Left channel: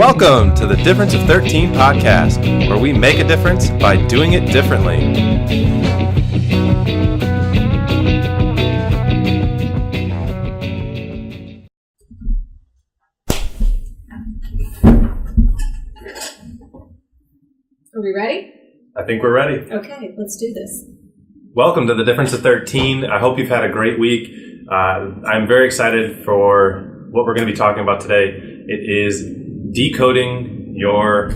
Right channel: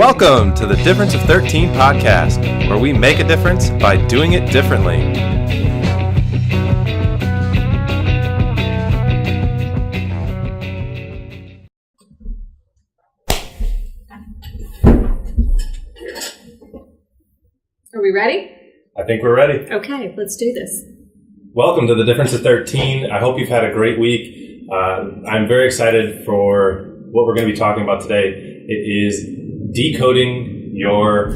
Welcome to the Difference of 13 podcast, where we make a difference by doing it differently. Are we ready? I think we're ready. Okay, let's do this. Welcome to the Difference of 13. I hope you've had a great week. I'm very excited for what we're going to be talking about today. It is decoding your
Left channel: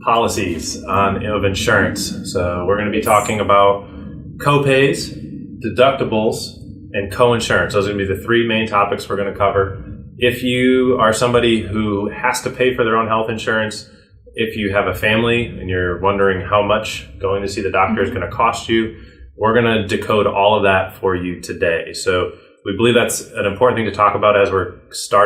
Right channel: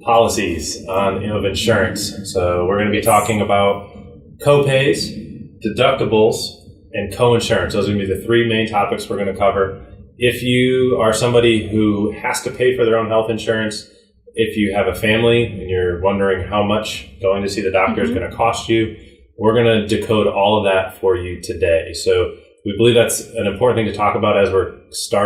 policies of insurance. So we're going to be talking about co-pays, deductibles, and co-insurance. Those are going to be the three main topics we're going to cover. If you are somebody who has to pay for their own health insurance, if you have a family and you're wondering how much going to see the doctor is going to cost you, we're going to decode all of that for you today. So we believe that's an important thing to talk about as we're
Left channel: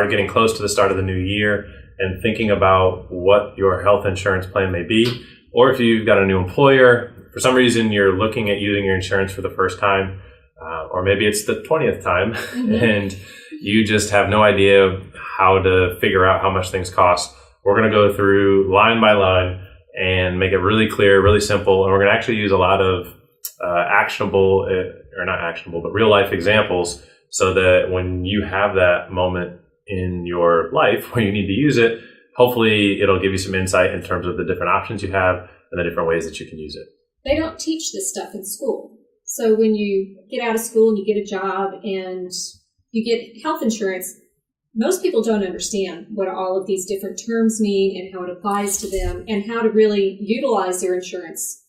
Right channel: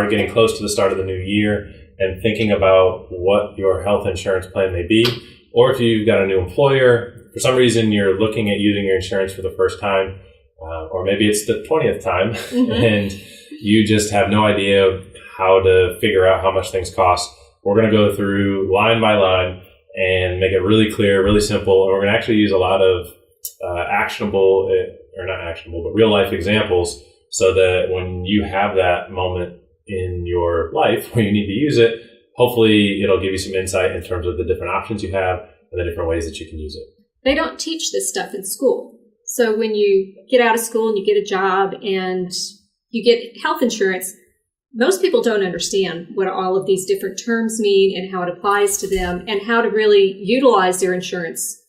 getting close to the start of the new year and thinking about what your health insurance plan may be. Or if you've got a new employer, for some reason you're looking at using your insurance for the first time, or maybe it's the 20th time, and you just have no idea how to figure out how much things cost. We're going to go through line by line and make it really clear, really simple. And we're going to actually use a lot of real life examples so that when you have that moment in your life where you need to use it, hopefully it'll give you some insight in terms of the different options you have and the different ways that you can use it. They don't teach this stuff in school. So when you get out of school and you get a job and you get health insurance, most people don't understand what all of these different terms mean and how it applies to them and how to really utilize their insurance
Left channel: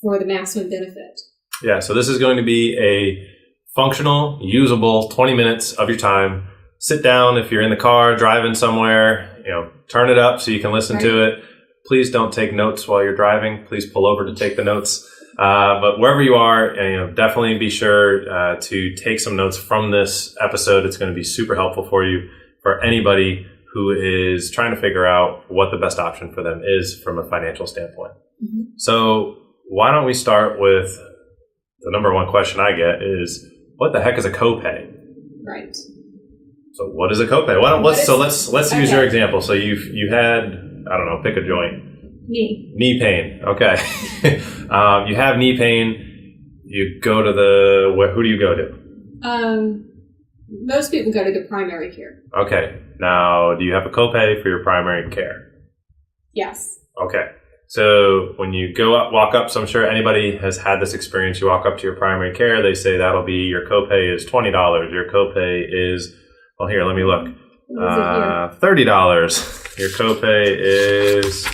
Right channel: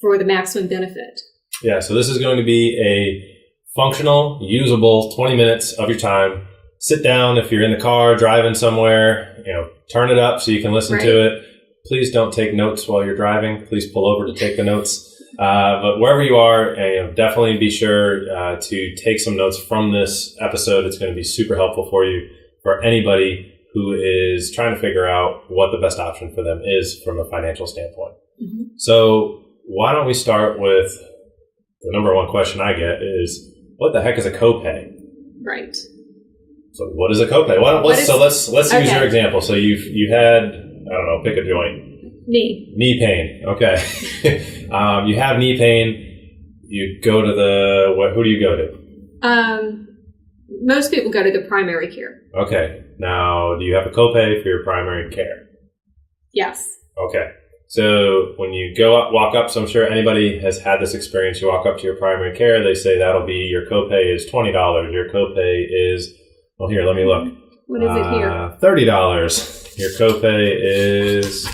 for the maximum benefit. Yeah, so this is going to be a functional, usable 20 minutes of your time. Sit down if you're in the car, driving somewhere, turn it up so you can listen to it. Please don't take notes while you're driving. Please pull over to take the notes. But wherever you are, definitely be sure to take some notes from this episode. It's going to be super helpful for you, for anybody who is trying to figure out what the best option for them is from a financial standpoint. Mm-hmm. So why don't we start with the number one question I get is, what the heck is a copay? Right. So what is a copay? Let's use your example. So you had, I don't know, pick a joint. Knee pain. Okay. You have knee pain. You go to who do you go to? Most people go to the primary care. Okay. Now, do you have a copay for your primary care? Yes. Okay. So when you walk up, so I'm sure anybody has had this experience. You walk up to your primary care. They say that'll be, your copay is $20. Your copay is, well, here, let me look. What is it here? $30. Your copay is,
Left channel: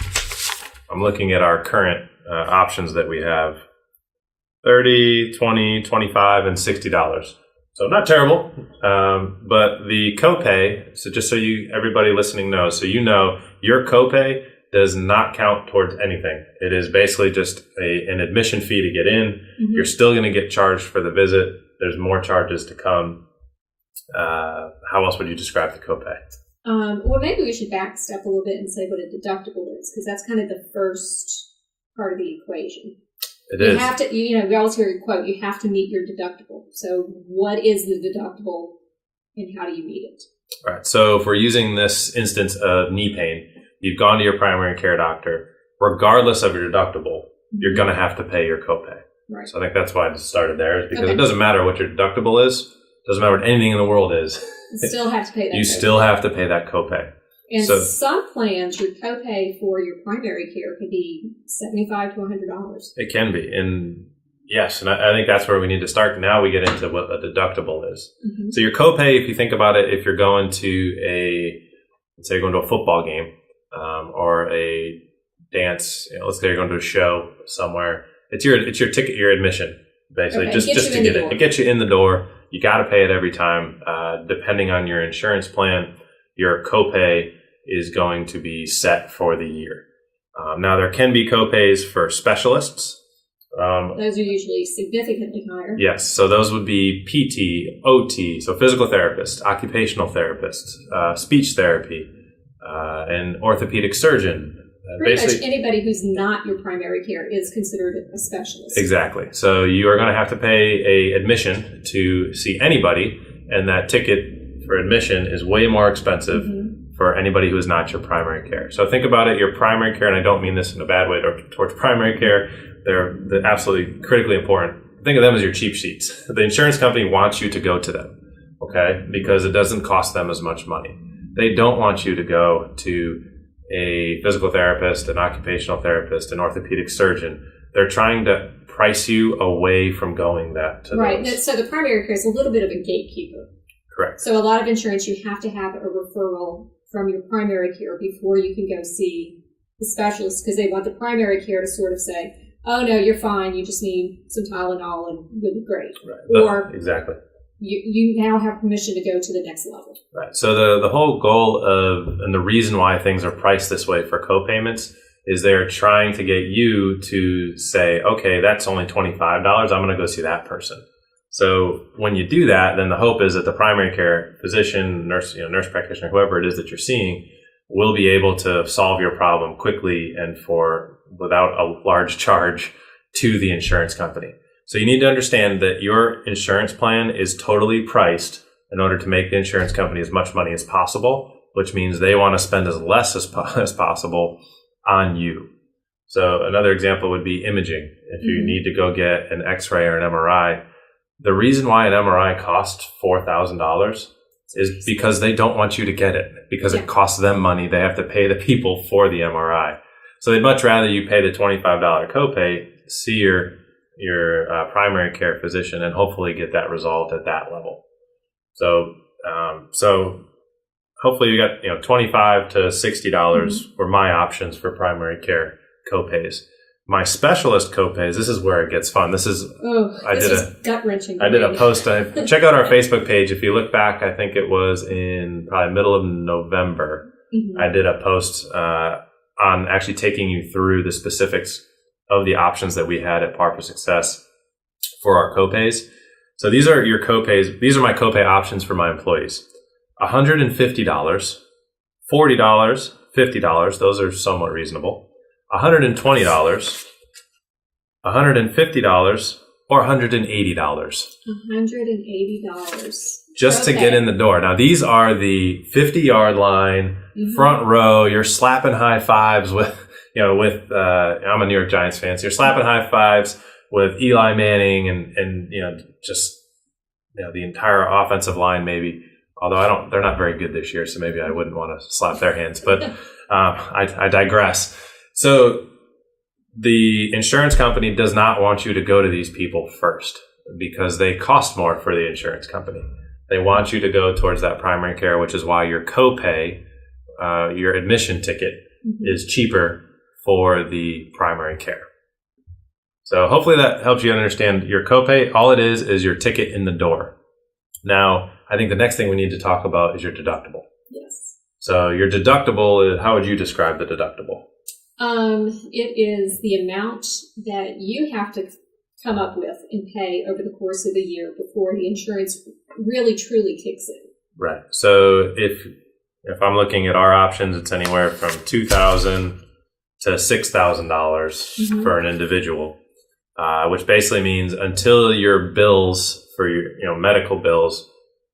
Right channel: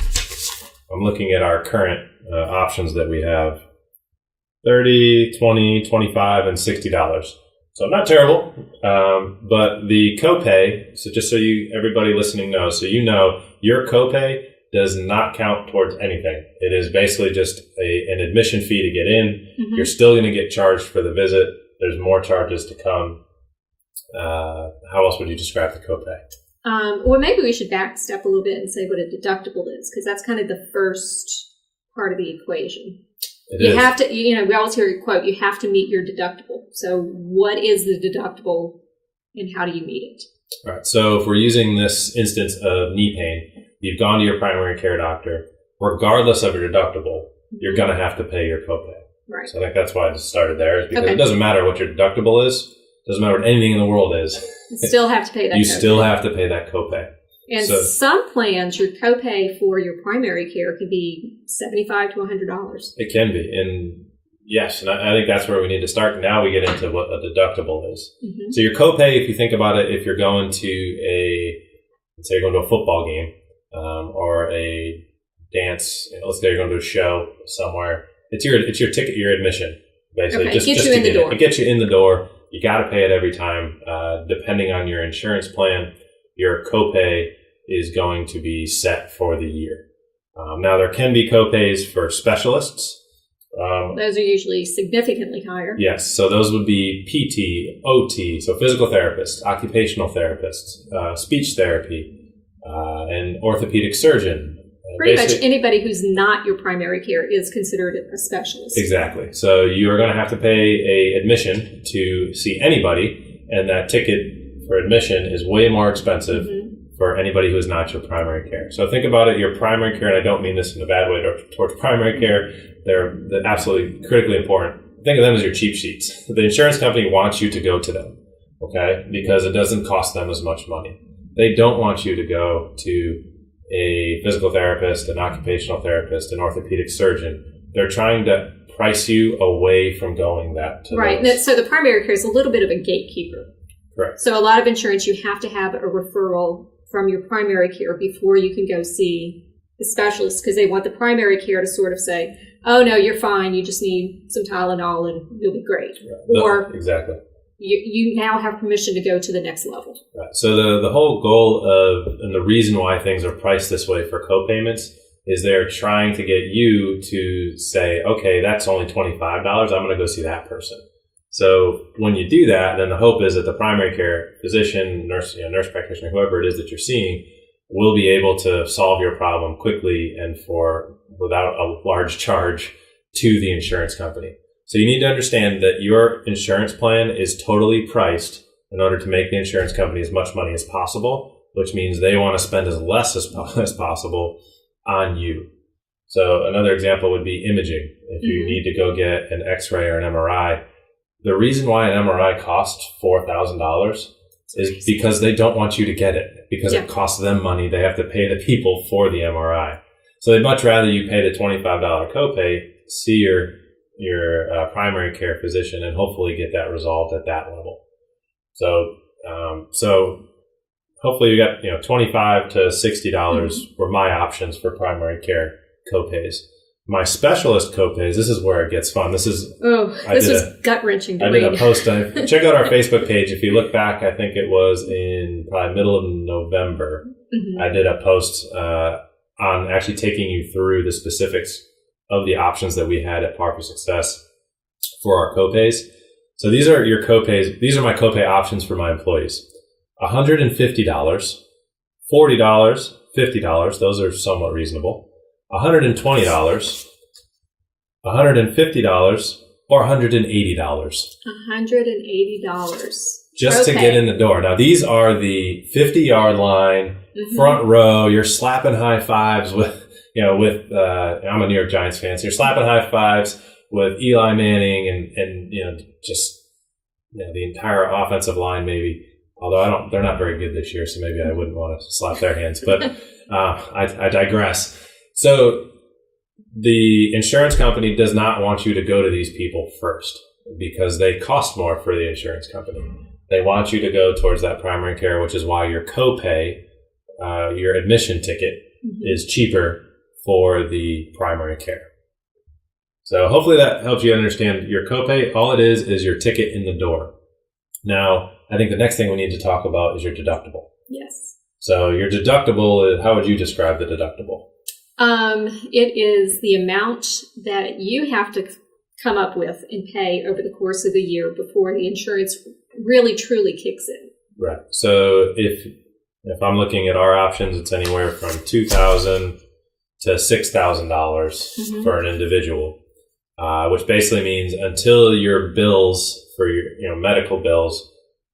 I'm looking at our current options that we have, $30, $20, $25, and $60. So not terrible, but the copay, so just so everybody listening knows, so your copay does not count towards anything. It is basically just an admission fee to get in. Mm-hmm. You're still going to get charged for the visit. There's more charges to come. How else would you describe the copay? Well, maybe we should back step a little bit and say what a deductible is, because that's kind of the first part of the equation. You have to, we always hear a quote, you have to meet your deductible. So what is the deductible and how do you meet it? All right. So if we're using this instance of knee pain, you've gone to your primary care doctor, regardless of your deductible, you're going to have to pay your copay. Right. So I think that's why I just started there, is because it doesn't matter what your deductible is. It doesn't matter what anything in the world is. You still have to pay that You still have to pay that copay. And some plans, your copay for your primary care can be $75 to $100. It can be. And yes, and I think that's where we need to start. Now we get into what a deductible is. Mm-hmm. So your copay, if you think about it, if you're going to let's say you're going to a football game, or a dance, let's say you're going to a show somewhere, it's your ticket, your admission, basically, just to get it. It gets you in the door. You got to pay it every time. Depending on your insurance plan, your copay is going to be set for the year. Now, there can be copays for specialists. Those are usually significantly higher. Yes. So those would be PT, OT, so physical therapists, occupational therapists, speech therapy, and orthopedic surgeon. Pretty much anybody who's not your primary care is considered a specialist. Exactly. So you are going to have to pay a admission to see anybody, and that ticket for admission is way more expensive for anybody who is not your primary care. So think about it, your primary care, and I don't mean this in a bad way towards primary care. They're absolutely critically important. Think of them as your cheap sheets. The insurance company wants you to go to them, okay, because it doesn't cost them as much money. They don't want you to go to a physical therapist, an occupational therapist, an orthopedic surgeon. They're trying to price you away from going that to right. those. So the primary care is a little bit of a gatekeeper. Correct. So a lot of insurance, you have to have a referral from your primary care before you can go see the specialist, because they want the primary care to sort of say, oh, no, you're fine. You just need some Tylenol and you'll be great. Right. Or exactly. You now have permission to go to the next level. Right. So the whole goal of, and the reason why things are priced this way for co-payments is they're trying to get you to say, okay, that's only $25. I'm going to go see that person. So when you do that, then the hope is that the primary care physician, nurse practitioner, whoever it is that you're seeing, will be able to solve your problem quickly and without a large charge to the insurance company. So you need to understand that your insurance plan is totally priced in order to make the insurance company as much money as possible, which means they want to spend as less as possible on you. So another example would be imaging. If you need to go get an X-ray or an MRI, the reason why an MRI costs $4,000 is because they don't want you to get it, because it costs them money. They have to pay the people for the MRI. So they'd much rather you pay the $25 copay, see your primary care physician, and hopefully get that resolved at that level. So hopefully you got $25 to $60 were my options for primary care copays. My specialist copays, this is where it gets fun. This was gut-wrenching. I did a post. Check out our Facebook page. If you look back, I think it was in probably middle of November. I did a post on actually taking you through the specifics of the options that we had at Par for Success for our copays. So these are your copays. These are my copay options for my employees. $150, $40, $50. Those are somewhat reasonable. $120, $150, or $180. $180. Just to get in the door. Now, these are the 50-yard line, front row. You're slapping high fives with, I'm a New York Giants fan, so you're slapping high fives with Eli Manning and the entire offensive line maybe. Although they're not very good this year, so maybe I wouldn't want to slap their hands. But I digress. So the insurance company does not want you to go to these people first because they cost more for the insurance company. They want you to go towards that primary care, which is why your copay, your admission ticket, is cheaper for the primary care. So hopefully that helps you understand your copay. All it is your ticket in the door. Now, I think the next thing we need to talk about is your deductible. Yes. So your deductible, how would you describe the deductible? It is the amount that you have to come up with and pay over the course of the year before the insurance really truly kicks in. Right. So if I'm looking at our options, it's anywhere from $2,000 to $6,000 for an individual, which basically means until your bills for your medical bills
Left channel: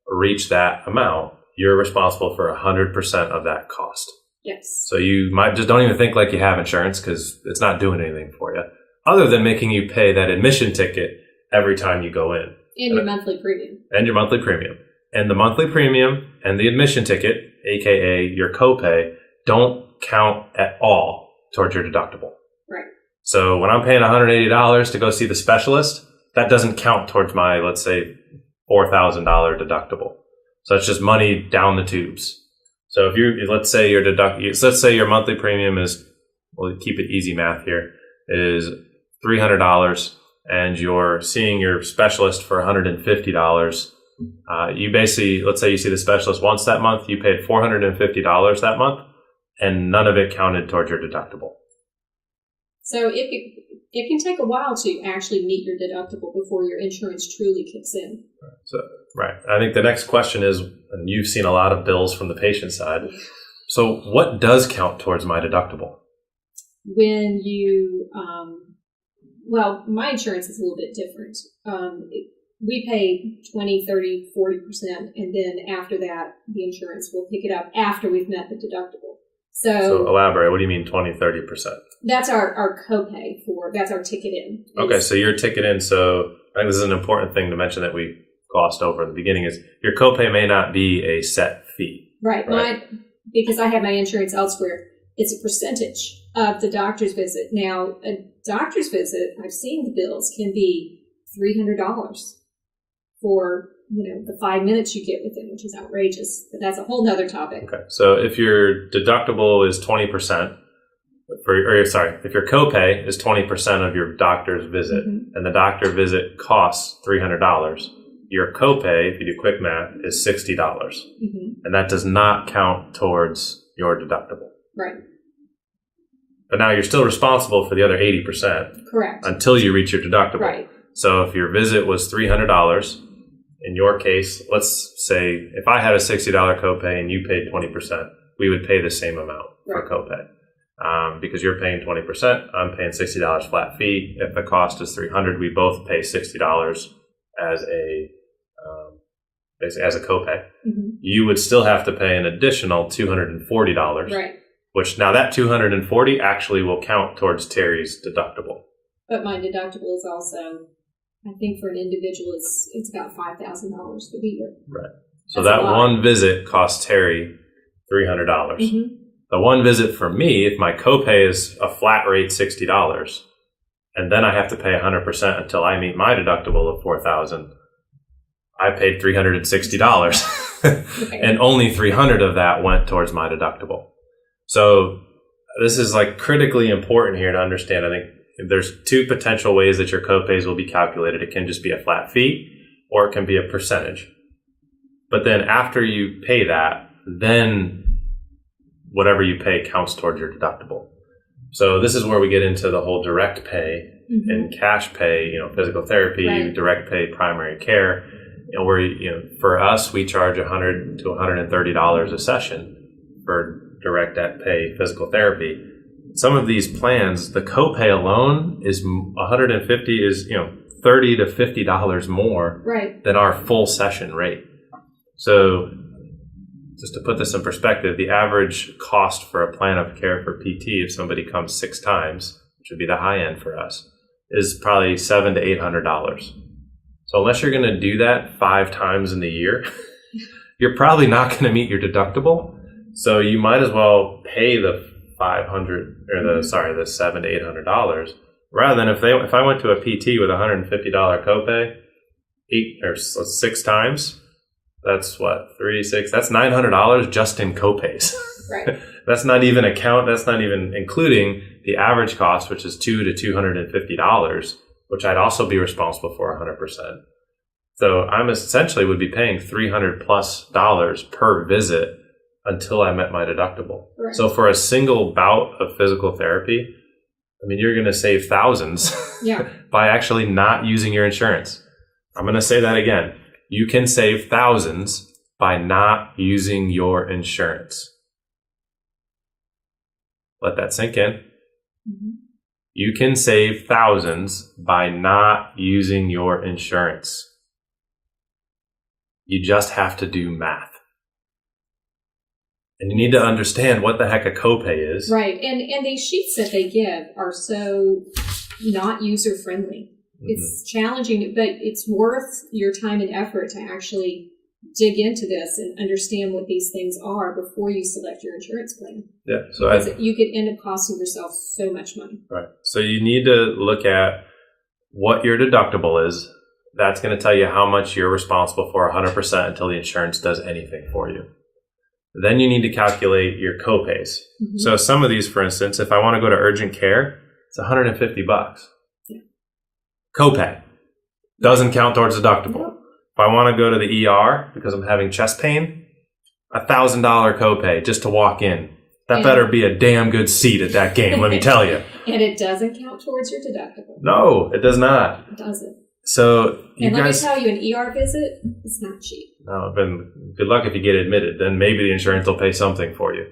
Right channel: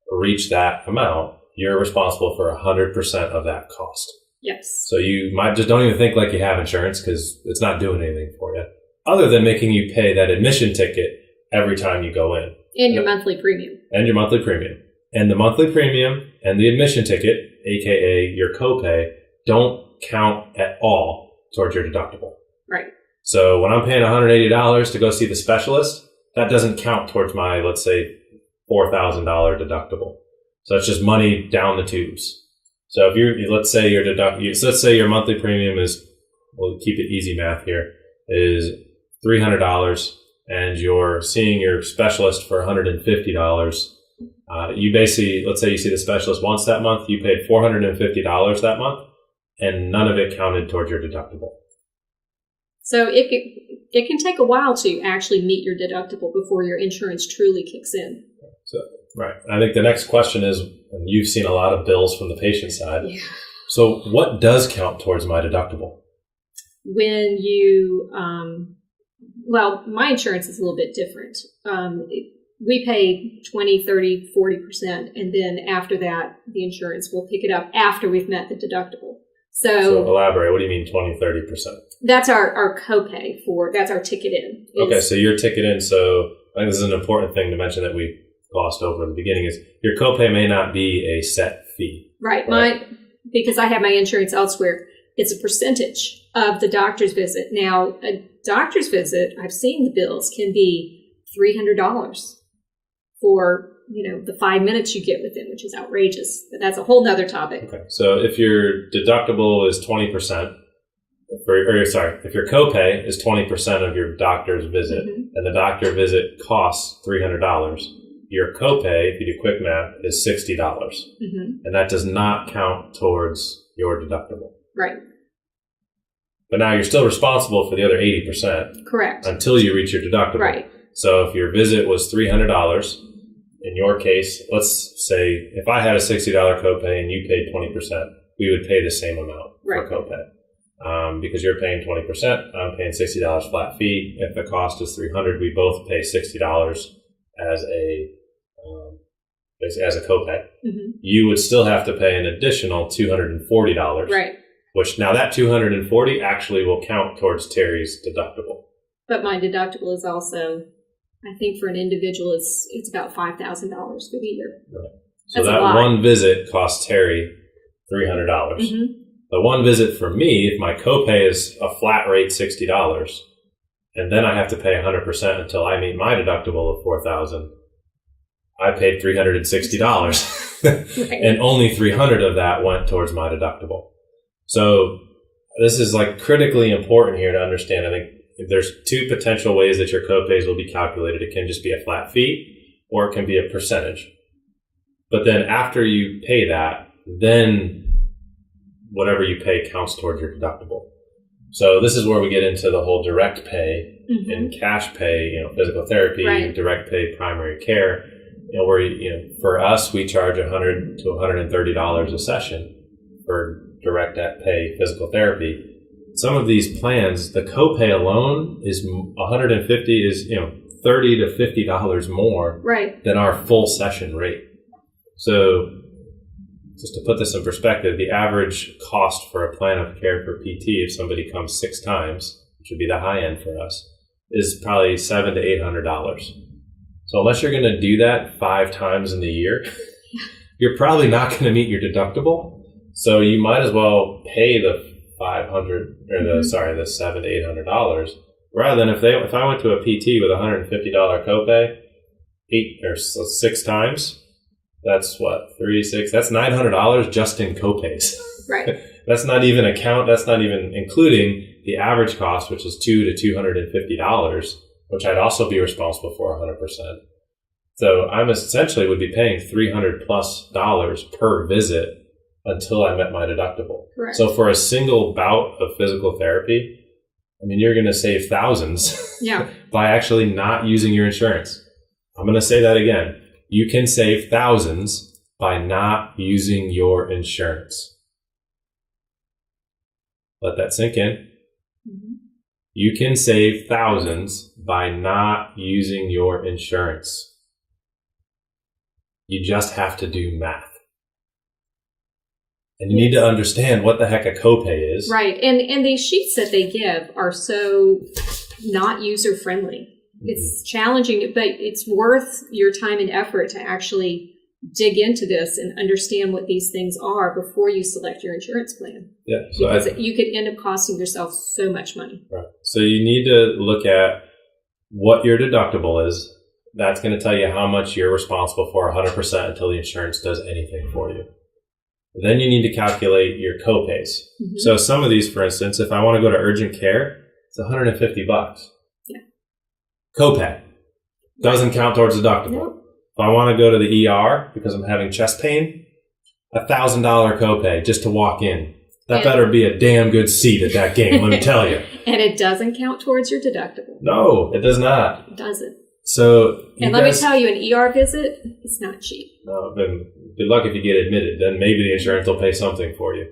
reach that amount, you're responsible for 100% of that cost. Yes. So you might just don't even think like you have insurance because it's not doing anything for you other than making you pay that admission ticket every time you go in. And your monthly premium. And your monthly premium. And the monthly premium and the admission ticket, aka your copay, don't count at all towards your deductible. Right. So when I'm paying $180 to go see the specialist, that doesn't count towards my, let's say, $4,000 deductible. So it's just money down the tubes. So if let's say your monthly premium is, we'll keep it easy math here, is $300 and you're seeing your specialist for $150. You basically, let's say you see the specialist once that month, you paid $450 that month and none of it counted towards your deductible. So it can take a while to actually meet your deductible before your insurance truly kicks in. So, right. I think the next question is, and you've seen a lot of bills from the patient side. Yeah. So what does count towards my deductible? When you, my insurance is a little bit different. we pay 20, 30, 40%. And then after that, the insurance will pick it up after we've met the deductible. So elaborate. What do you mean 20, 30%? That's our copay that's our ticket in. Okay, so your ticket in. So I think this is an important thing to mention that we glossed over in the beginning is your copay may not be a set fee. Right. Because I have my insurance elsewhere, it's a percentage of the doctor's visit. Now, a doctor's visit, I've seen the bills, can be $300 for, the 5 minutes you get with them, which is outrageous. But that's a whole nother topic. Okay. So if your deductible is 20%, if your copay is 20% of your doctor's visit, and the doctor visit costs $300, your copay, if you do quick math, is $60. And that does not count towards your deductible. Right. But now you're still responsible for the other 80%. Correct. Until you reach your deductible. Right. So if your visit was $300, in your case, let's say if I had a $60 copay and you paid 20%, we would pay the same amount for copay. Because you're paying 20%, I'm paying $60 flat fee. If the cost is $300, we both pay $60 as a copay. You would still have to pay an additional $240. Right. Which now that $240 actually will count towards Teri's deductible. But my deductible is also, I think for an individual, it's about $5,000 for the year. Right. So that one visit costs Teri $300. The one visit for me, if my copay is a flat rate $60, and then I have to pay 100% until I meet my deductible of $4,000, I paid $360. Right. And only $300 of that went towards my deductible. So this is like critically important here to understand. I think there's two potential ways that your copays will be calculated. It can just be a flat fee or it can be a percentage. But then after you pay that, then whatever you pay counts towards your deductible. So this is where we get into the whole direct pay and cash pay, physical therapy, direct pay, primary care, where, for us, we charge $100 to $130 a session for direct pay physical therapy. Some of these plans, the copay alone is $150 is, $30 to $50 more than our full session rate. So just to put this in perspective, the average cost for a plan of care for PT, if somebody comes 6 times, which would be the high end for us, is probably $700 to $800. So unless you're going to do that 5 times in the year, you're probably not going to meet your deductible. So you might as well pay the $500 or the $700 to $800 rather than if I went to a PT with $150 copay 6 times. That's what, 3, 6, that's $900 just in copays. Right. That's not even including the average cost, which is $200 to $250, which I'd also be responsible for 100%. So I'm essentially would be paying $300+ per visit until I met my deductible. Right. So for a single bout of physical therapy, you're going to save thousands by actually not using your insurance. I'm going to say that again. You can save thousands by not using your insurance. Let that sink in. You can save thousands by not using your insurance. You just have to do math. And you need to understand what the heck a copay is. Right. And these sheets that they give are so not user-friendly. It's challenging, but it's worth your time and effort to actually dig into this and understand what these things are before you select your insurance plan. Yeah. So you could end up costing yourself so much money. Right. So you need to look at what your deductible is. That's going to tell you how much you're responsible for 100% until the insurance does anything for you. Then you need to calculate your copays. So some of these, for instance, if I want to go to urgent care, it's $150. Yeah. Copay. Doesn't count towards deductible. If I want to go to the ER because I'm having chest pain, $1,000 copay just to walk in. That better be a damn good seat at that game, let me tell you. And it doesn't count towards your deductible. No, it does not. It doesn't. So, let me tell you, an ER visit is not cheap. No, but good luck if you get admitted. Then maybe the insurance will pay something for you.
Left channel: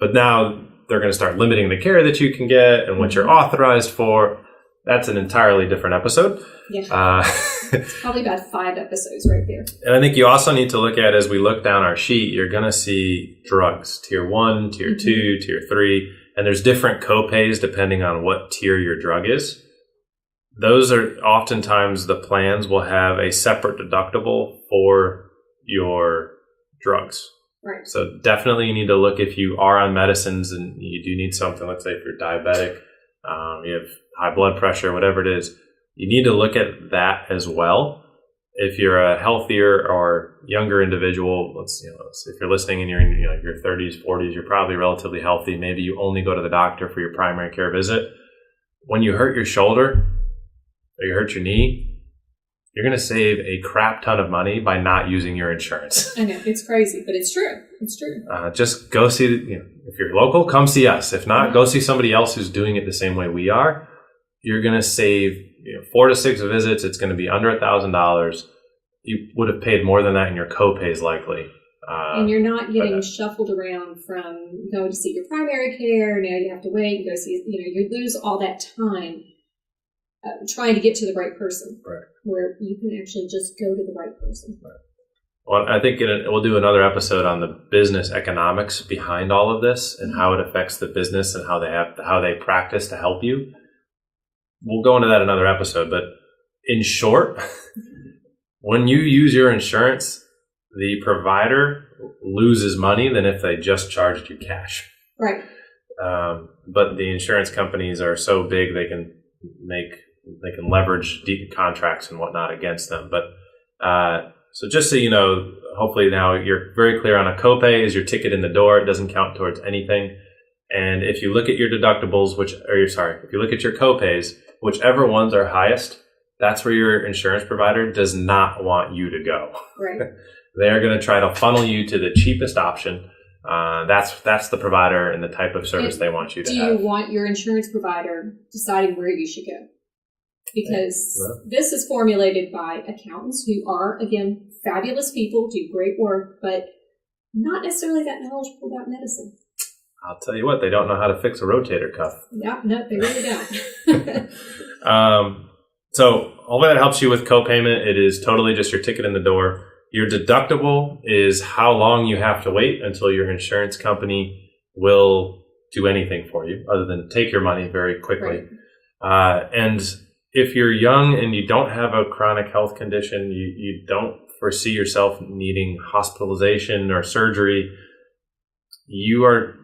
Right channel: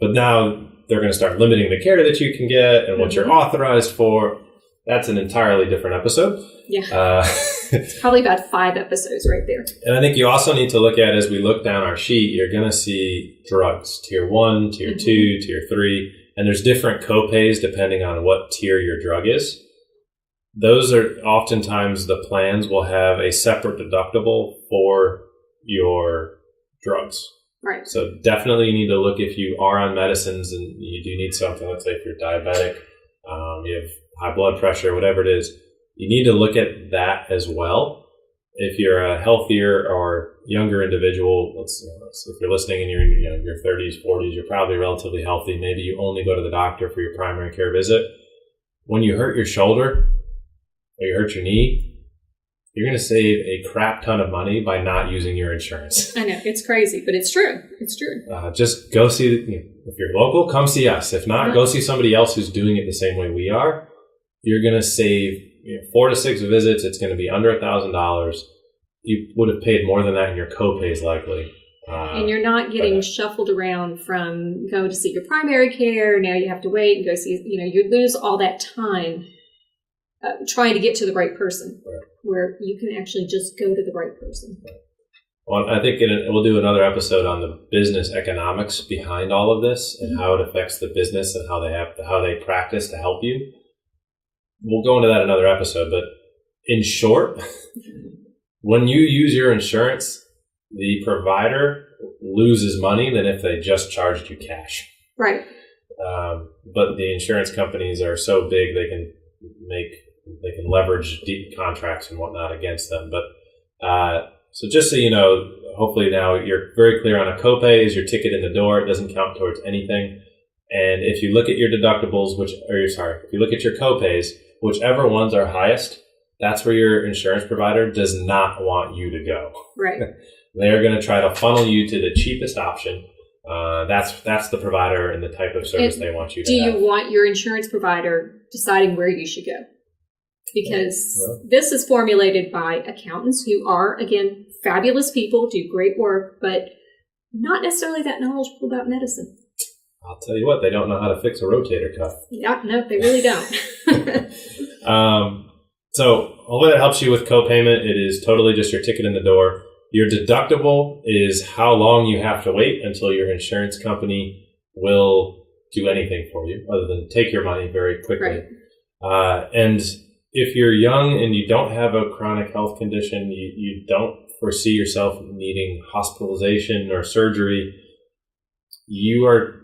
But now they're going to start limiting the care that you can get and what you're authorized for. that's an entirely different episode. Yeah. It's probably about 5 episodes right there. And I think you also need to look at, as we look down our sheet, you're going to see drugs, tier 1, tier 2, tier 3, and there's different copays depending on what tier your drug is. Those are oftentimes the plans will have a separate deductible for your drugs. Right. So definitely you need to look if you are on medicines and you do need something, let's say if you're diabetic, you have high blood pressure, whatever it is, you need to look at that as well. If you're a healthier or younger individual, if you're listening and you're in your 30s, 40s, you're probably relatively healthy. Maybe you only go to the doctor for your primary care visit. When you hurt your shoulder or you hurt your knee, you're going to save a crap ton of money by not using your insurance. I know, it's crazy, but it's true. It's true. Just go see, if you're local, come see us. If not, go see somebody else who's doing it the same way we are. You're going to save 4 to 6 visits. It's going to be under $1,000. You would have paid more than that in your copays likely. And you're not getting shuffled around from going to see your primary care. Now you have to wait and go see, you lose all that time trying to get to the right person, where you can actually just go to the right person. Right. Well, I think we'll do another episode on the business economics behind all of this and how it affects the business and how they practice to help you. We'll go into that another episode, but in short, when you use your insurance, the provider loses money than if they just charged you cash. Right. But the insurance companies are so big they can leverage deep contracts and whatnot against them. But so just so you know, hopefully now you're very clear on a copay is your ticket in the door. It doesn't count towards anything. And if you look at your deductibles, if you look at your copays, whichever ones are highest, that's where your insurance provider does not want you to go. Right. They're going to try to funnel you to the cheapest option. That's the provider and the type of service they want you to have. Do you want your insurance provider deciding where you should go? Because this is formulated by accountants who are, again, fabulous people, do great work, but not necessarily that knowledgeable about medicine. I'll tell you what, they don't know how to fix a rotator cuff. Yeah, no, they really don't. So hopefully that helps you with copayment. It is totally just your ticket in the door. Your deductible is how long you have to wait until your insurance company will do anything for you other than take your money very quickly. Right. And if you're young and you don't have a chronic health condition, you don't foresee yourself needing hospitalization or surgery, you are,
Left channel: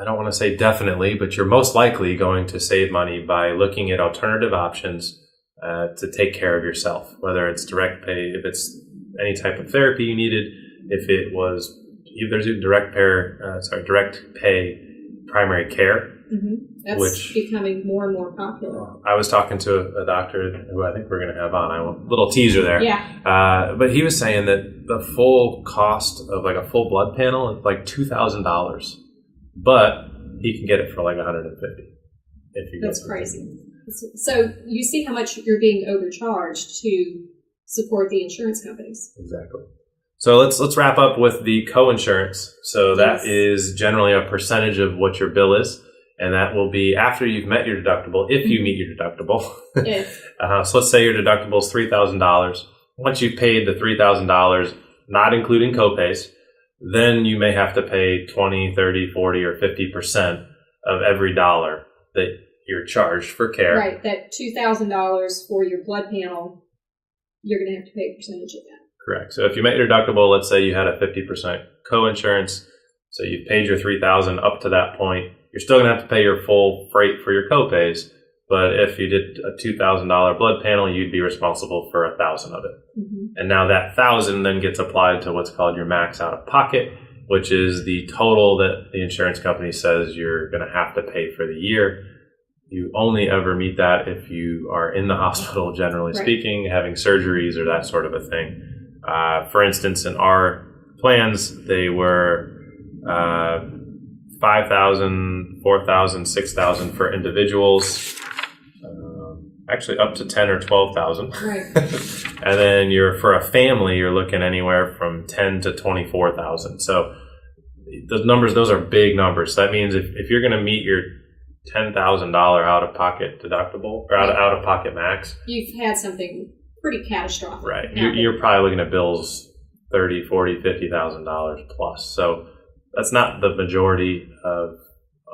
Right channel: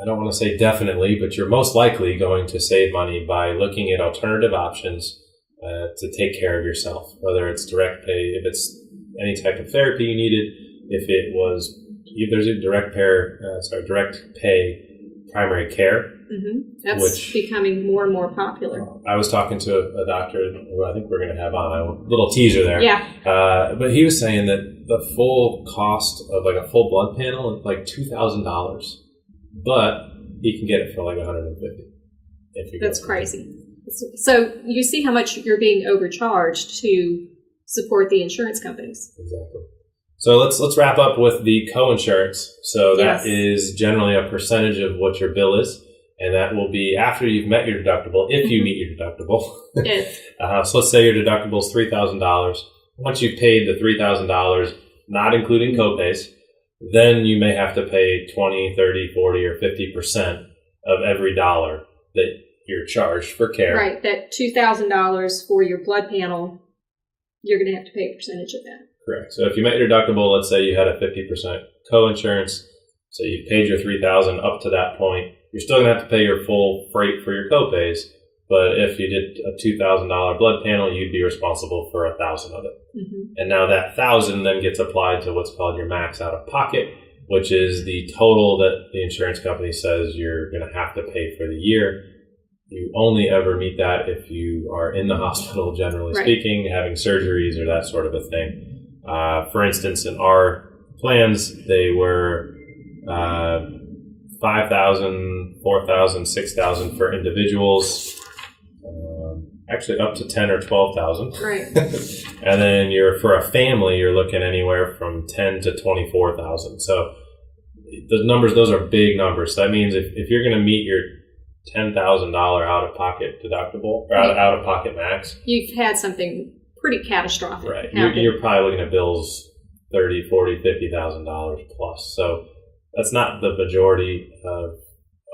I don't want to say definitely, but you're most likely going to save money by looking at alternative options to take care of yourself, whether it's direct pay, if it's any type of therapy you needed, if there's a direct pay primary care. Mm-hmm. That's becoming more and more popular. I was talking to a doctor who I think we're going to have on. A little teaser there. Yeah. But he was saying that the full cost of like a full blood panel is like $2,000, but he can get it for like $150. That's crazy. So you see how much you're being overcharged to support the insurance companies. Exactly. So let's wrap up with the co-insurance. So that is generally a percentage of what your bill is. And that will be after you've met your deductible, if you meet your deductible. Yes. So let's say your deductible is $3,000. Once you've paid the $3,000, not including copays, then you may have to pay 20, 30, 40, or 50% of every dollar that you're charged for care. Right. That $2,000 for your blood panel, you're going to have to pay a percentage of that. Correct. So if you met your deductible, let's say you had a 50% co-insurance, so you've paid your $3,000 up to that point, you're still going to have to pay your full freight for your copays. But if you did a $2,000 blood panel, you'd be responsible for $1,000 of it. Mm-hmm. And now that $1,000 then gets applied to what's called your max out of pocket, which is the total that the insurance company says you're going to have to pay for the year. You only ever meet that if you are in the hospital, generally speaking, having surgeries or that sort of a thing. For instance, in our plans, they were $5,000, $4,000, $6,000 for individuals. Actually, up to $10,000 or $12,000. Right. And then for a family, you're looking anywhere from $10,000 to $24,000. So those are big numbers. So that means if you're going to meet your $10,000 out-of-pocket deductible, or out-of-pocket max. You've had something pretty catastrophic. Right. You're probably looking at bills $30,000, $40,000, $50,000 plus. So that's not the majority of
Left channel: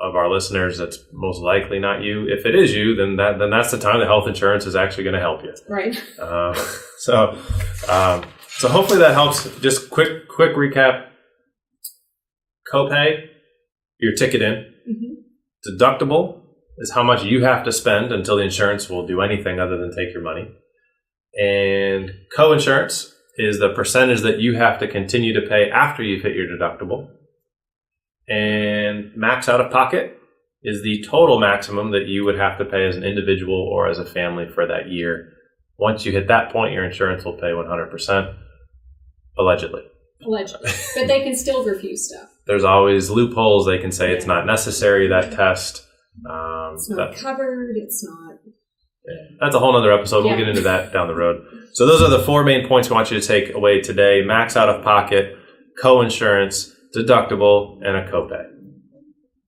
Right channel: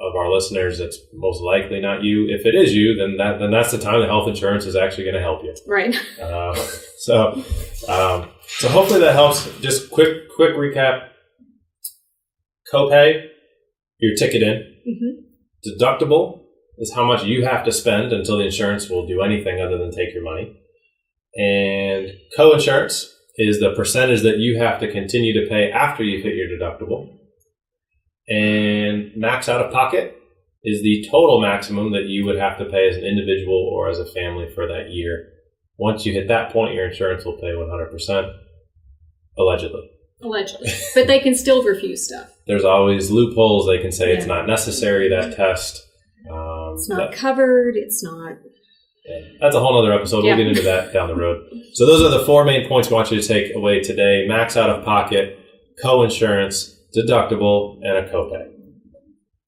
our listeners. That's most likely not you. If it is you, then that's the time that health insurance is actually going to help you. Right. So hopefully that helps. Just quick recap. Copay, your ticket in. Mm-hmm. Deductible is how much you have to spend until the insurance will do anything other than take your money. And co-insurance is the percentage that you have to continue to pay after you've hit your deductible. And max out of pocket is the total maximum that you would have to pay as an individual or as a family for that year. Once you hit that point, your insurance will pay 100%, allegedly. Allegedly. But they can still refuse stuff. There's always loopholes. They can say it's not necessary, that test. It's not covered. It's not. Yeah. That's a whole other episode. We'll get into that down the road. So those are the 4 main points we want you to take away today. Max out of pocket, co-insurance, deductible, and a copay.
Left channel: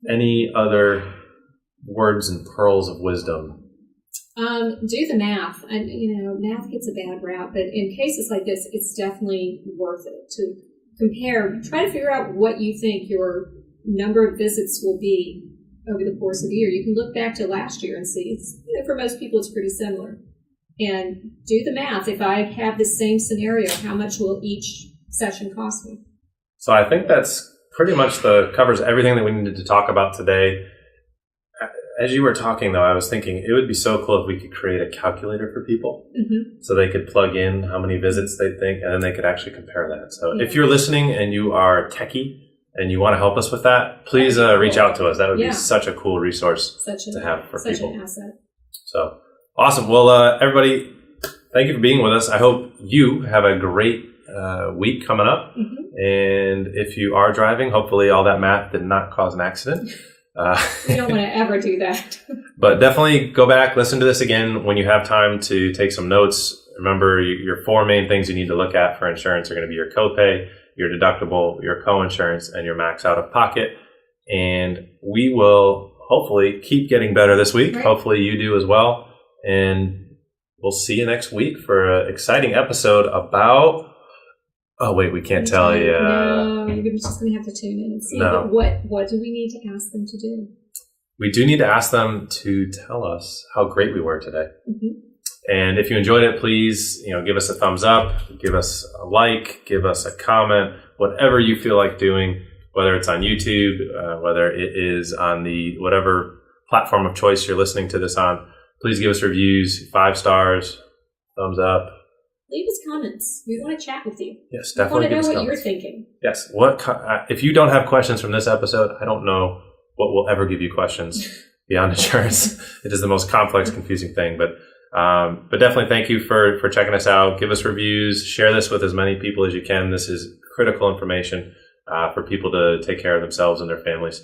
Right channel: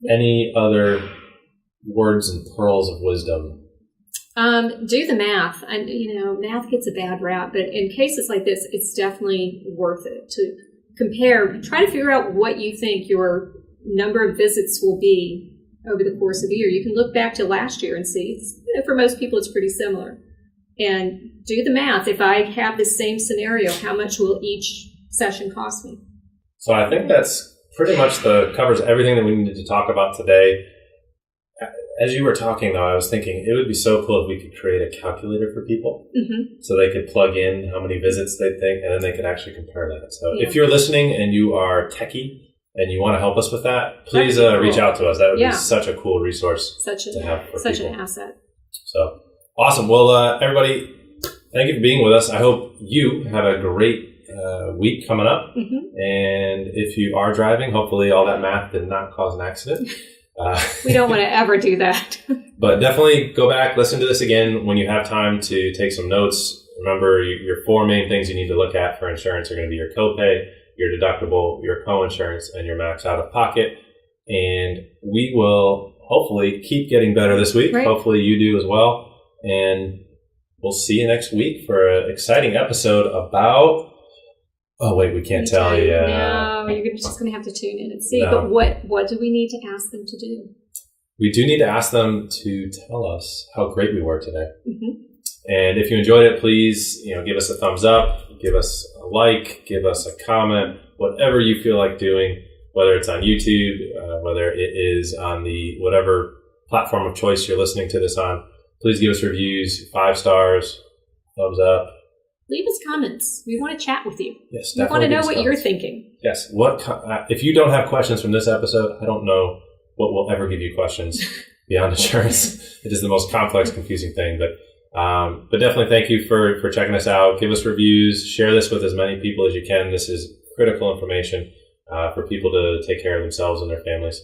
Any other words and pearls of wisdom? Do the math. And, math gets a bad rap, but in cases like this, it's definitely worth it to compare. Try to figure out what you think your number of visits will be over the course of a year. You can look back to last year and see, for most people, it's pretty similar. And do the math. If I have the same scenario, how much will each session cost me? So I think that's pretty much covers everything that we needed to talk about today. As you were talking, though, I was thinking it would be so cool if we could create a calculator for people so they could plug in how many visits they think, and then they could actually compare that. So if you're listening and you are techie and you want to help us with that, please reach out to us. That would be such a cool resource to have for people. Such an asset. So awesome. Well, everybody, thank you for being with us. I hope you have a great week coming up. And if you are driving, hopefully all that math did not cause an accident. We don't want to ever do that. But definitely go back, listen to this again when you have time to take some notes. Remember, your 4 main things you need to look at for insurance are going to be your copay, your deductible, your co-insurance, and your max out of pocket. And we will hopefully keep getting better this week. Right. Hopefully you do as well. And we'll see you next week for an exciting episode about... Oh, wait, we can't tell you. No, you're just going to have to tune in and see. No. But what do we need to ask them to do? We do need to ask them to tell us how great we were today. And if you enjoyed it, please, give us a thumbs up, give us a like, give us a comment, whatever you feel like doing, whether it's on YouTube, whether it is on the whatever platform of choice you're listening to this on. Please give us reviews, 5 stars, thumbs up. Leave us comments. We want to chat with you. Yes, definitely. We want to know what you're thinking. Yes. If you don't have questions from this episode, I don't know what will ever give you questions beyond insurance. It is the most complex, confusing thing. But definitely thank you for checking us out. Give us reviews. Share this with as many people as you can. This is critical information for people to take care of themselves and their families.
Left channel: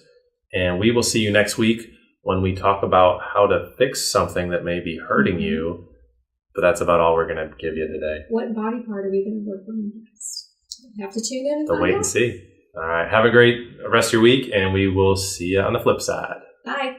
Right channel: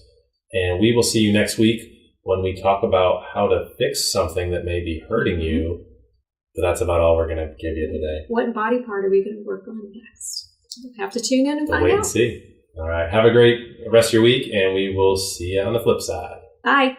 And we will see you next week when we talk about how to fix something that may be hurting you. But that's about all we're going to give you today. What body part are we going to work on next? We'll have to tune in and find out. Wait and see. All right. Have a great rest of your week, and we will see you on the flip side. Bye.